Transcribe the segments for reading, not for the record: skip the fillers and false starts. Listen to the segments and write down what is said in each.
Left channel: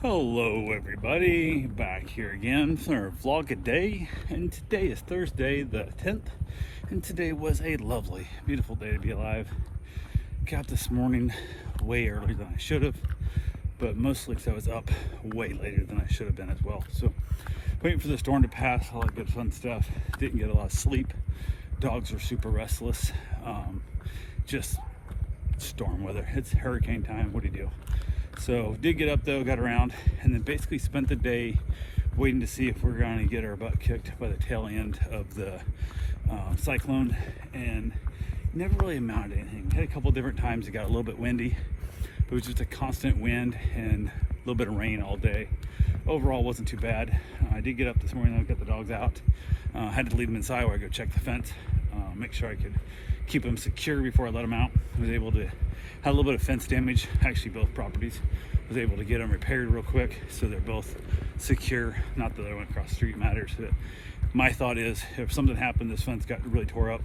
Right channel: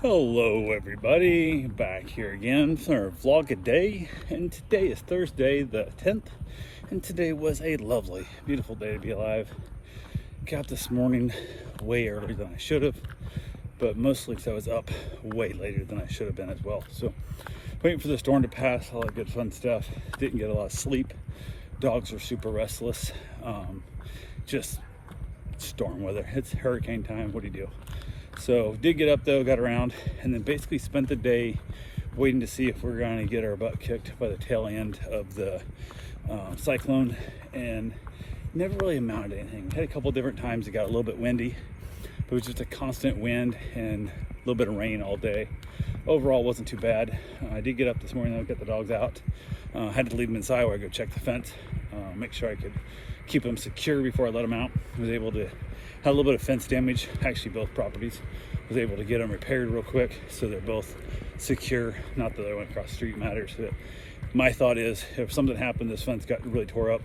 Hello everybody, back here again for our vlog a day, and today is Thursday the 10th, and today was a lovely, beautiful day to be alive. Got this morning way earlier than I should have, but mostly because I was up way later than I should have been as well. So waiting for the storm to pass, all that good fun stuff. Didn't get a lot of sleep. Dogs are super restless. Just storm weather. It's hurricane time. What do you do? So did get up though, got around, and then basically spent the day waiting to see if we're going to get our butt kicked by the tail end of the cyclone, and never really amounted to anything. Had a couple different times it got a little bit windy, but it was just a constant wind and a little bit of rain all day. Overall wasn't too bad. I did get up this morning though, get the dogs out. Had to leave them inside where I go check the fence, make sure I could keep them secure before I let them out. I was able to had a little bit of fence damage, actually both properties. Was able to get them repaired real quick so they're both secure. Not that I went across the street matters, but my thought is if something happened, this fence got really tore up,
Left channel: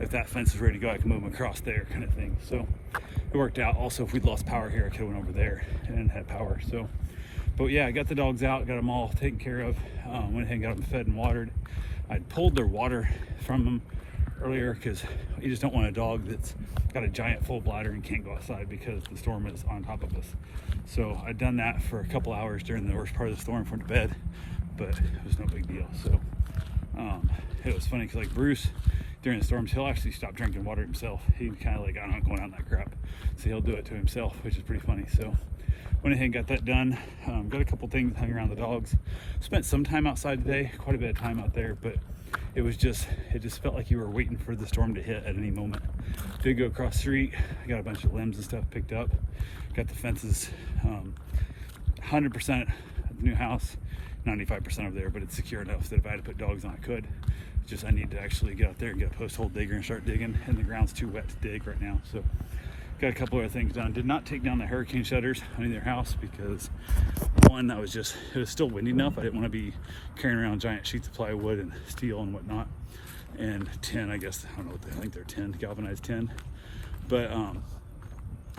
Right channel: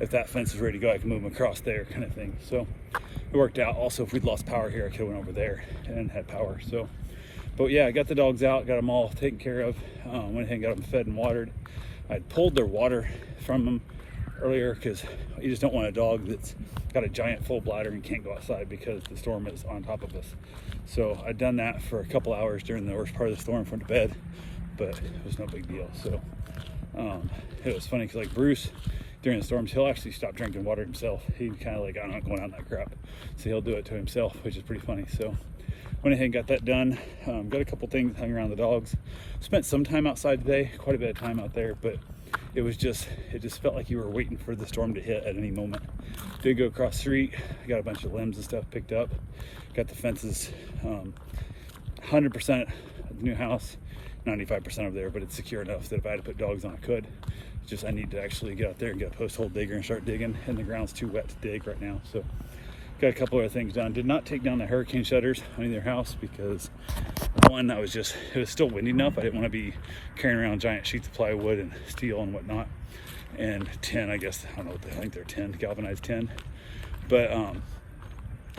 if that fence is ready to go, I can move them across there kind of thing. So it worked out. Also, if we'd lost power here, I could have went over there and had power. So, but yeah, I got the dogs out, got them all taken care of. Went ahead and got them fed and watered. I'd pulled their water from them earlier because you just don't want a dog that's got a giant full bladder and can't go outside because the storm is on top of us. So I'd done that for a couple hours during the worst part of the storm from the bed, but it was no big deal. So it was funny because like Bruce during the storms, he'll actually stop drinking water himself. He kind of like, I'm not going on that crap, so he'll do it to himself, which is pretty funny. So went ahead and got that done. Got a couple things hung around the dogs. Spent some time outside today, quite a bit of time out there, but it just felt like you were waiting for the storm to hit at any moment. Did go across the street, got a bunch of limbs and stuff picked up, got the fences 100% of the new house, 95% over there, but it's secure enough that if I had to put dogs on, I could. Just I need to actually get out there and get a post hole digger and start digging, and the ground's too wet to dig right now. So got a couple other things done. Did not take down the hurricane shutters on either house because one, it was still windy enough. I didn't want to be carrying around giant sheets of plywood and steel and whatnot. And 10, I guess, I don't know what I think they're 10, galvanized 10. But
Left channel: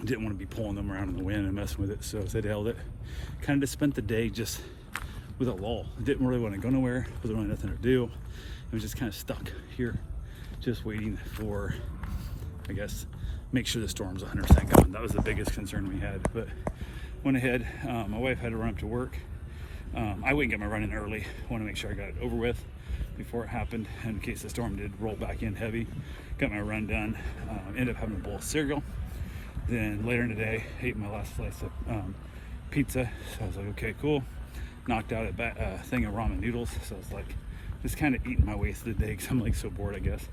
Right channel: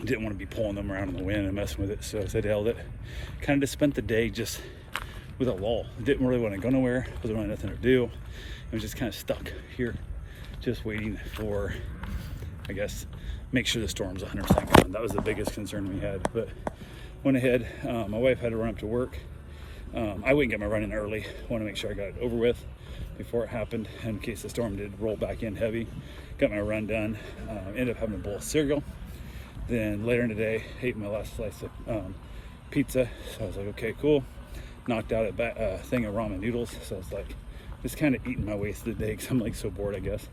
didn't want to be pulling them around in the wind and messing with it. So I held it. Kind of just spent the day just with a lull. Didn't really want to go nowhere. Wasn't really nothing to do. I was just kind of stuck here, just waiting for, I guess, make sure the storm's 100% gone. That was the biggest concern we had. But went ahead. My wife had to run up to work. I wouldn't get my run in early. Want to make sure I got it over with before it happened in case the storm did roll back in heavy. Got my run done. Ended up having a bowl of cereal. Then later in the day, ate my last slice of pizza. So I was like, okay, cool. Knocked out a thing of ramen noodles. So I was like, just kind of eating my way through the day because I'm like so bored, I guess.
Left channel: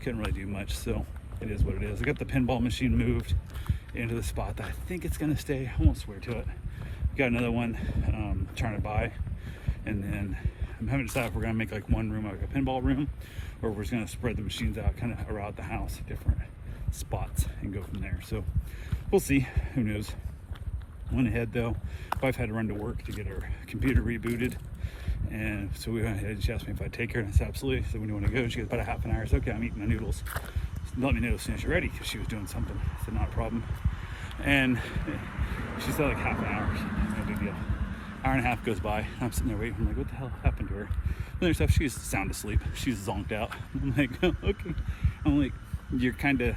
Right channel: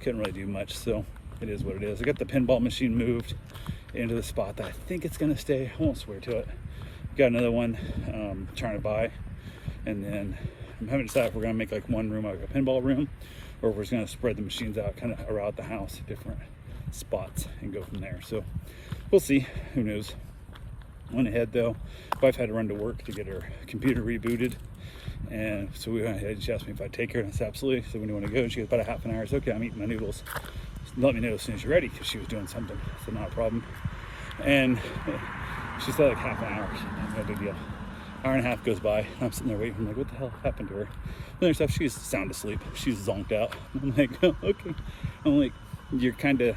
Couldn't really do much. So it is what it is. I got the pinball machine moved into the spot that I think it's gonna stay. I won't swear to it. Got another one trying to buy, and then I haven't decided if we're gonna make like one room like a pinball room, or if we're just gonna spread the machines out kind of around the house, different spots, and go from there. So we'll see. Who knows? Went ahead though. Wife had to run to work to get her computer rebooted, and so we went ahead. She asked me if I'd take her, and I said absolutely. So when do you want to go? She goes, about a half an hour. I said, okay, I'm eating my noodles. Let me know as soon as you're ready, because she was doing something. So not a problem. And she said like half an hour, no big deal. Hour and a half goes by, I'm sitting there waiting. I'm like, what the hell happened to her? Then stuff, she's sound asleep. She's zonked out. I'm like, oh, okay. I'm like, you're kind of,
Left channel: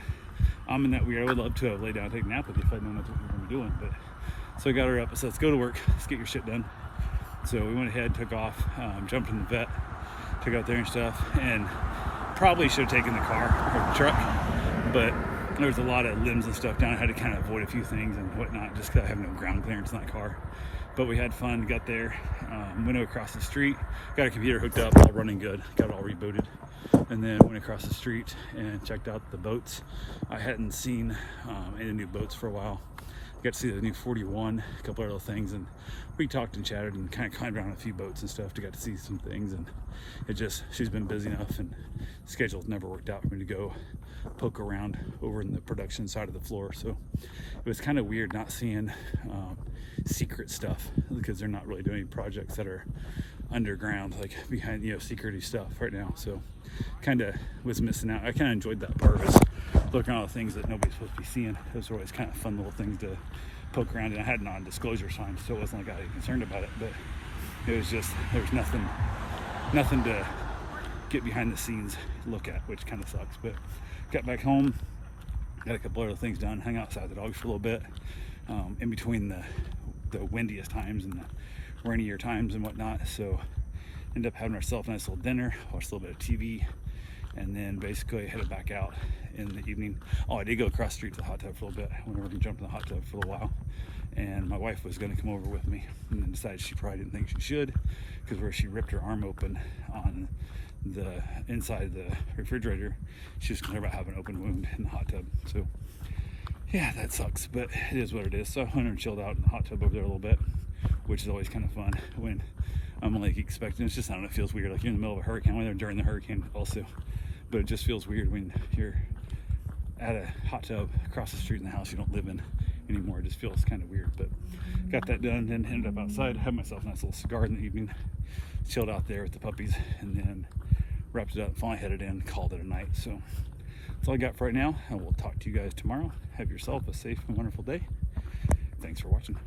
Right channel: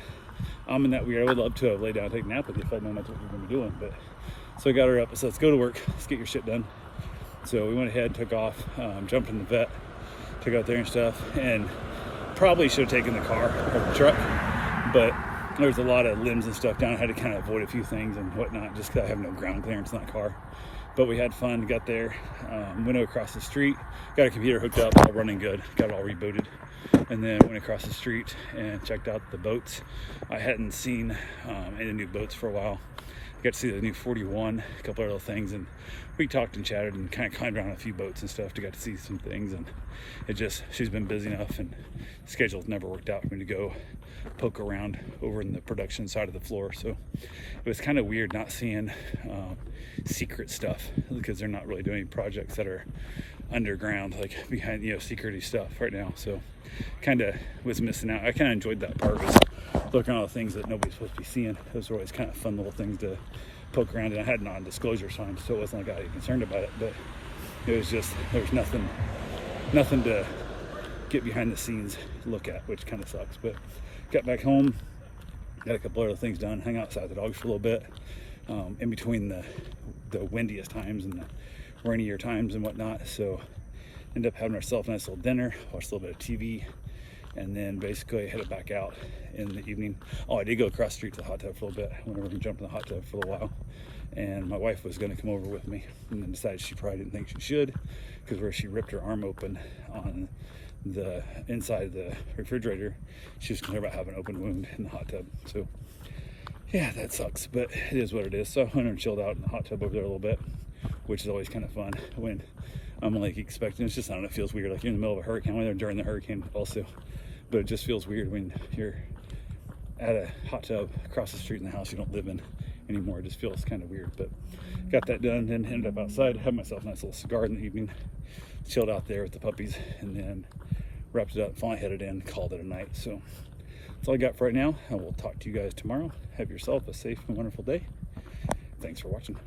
I'm in that weird. I would love to have laid down and take a nap with you if I'd known that's what we've been doing. But so I got her up. So let's go to work. Let's get your shit done. So we went ahead, took off, jumped in the vet, took out there and stuff, and probably should have taken the car or the truck, but there was a lot of limbs and stuff down. I had to kind of avoid a few things and whatnot just because I have no ground clearance in that car. But we had fun, got there, went across the street, got a computer hooked up, all running good, got it all rebooted, and then went across the street and checked out the boats. I hadn't seen any new boats for a while. Got to see the new 41, a couple of little things, and we talked and chatted and kind of climbed around a few boats and stuff to get to see some things. And she's been busy enough, and the schedule's never worked out for me to go poke around over in the production side of the floor. So it was kind of weird not seeing secret stuff, because they're not really doing projects that are underground, like behind, security stuff right now. So kind of was missing out. I kind of enjoyed that part of it, looking at all the things that nobody's supposed to be seeing. Those are always kind of fun little things to poke around, and I had non-disclosure signs, so it wasn't like I was concerned about it, but it was just, there's nothing to get behind the scenes look at, which kind of sucks. But got back home, got a couple other things done, hung outside the dogs for a little bit, in between the windiest times and the rainier times and whatnot. So ended up having ourselves a nice little dinner, watched a little bit of TV, and then basically headed back out in the evening. Oh, I did go across the street to the hot tub for a little bit. I went over and jumped in the hot tub for a little while, and my wife was going to come over with me, and then decided she probably didn't think she should, because where she ripped her arm open on the inside of the refrigerator, she was concerned about having an open wound in the hot tub. So yeah, that sucks, but it is what it is. So I went and chilled out in the hot tub over there a little bit, which is always kind of fun when I'm like expecting. It's just, I don't know, it feels weird, like you're in the middle of a hurricane. When they're during the hurricane also, but it just feels weird when you're at a hot tub across the street in the house you don't live in anymore. It just feels kind of weird. But got that done, then ended up outside, had myself a nice little cigar in the evening, chilled out there with the puppies, and then wrapped it up, finally headed in, called it a night. So that's all I got for right now, and we'll talk to you guys tomorrow. Have yourself a safe and wonderful day. Thanks for watching.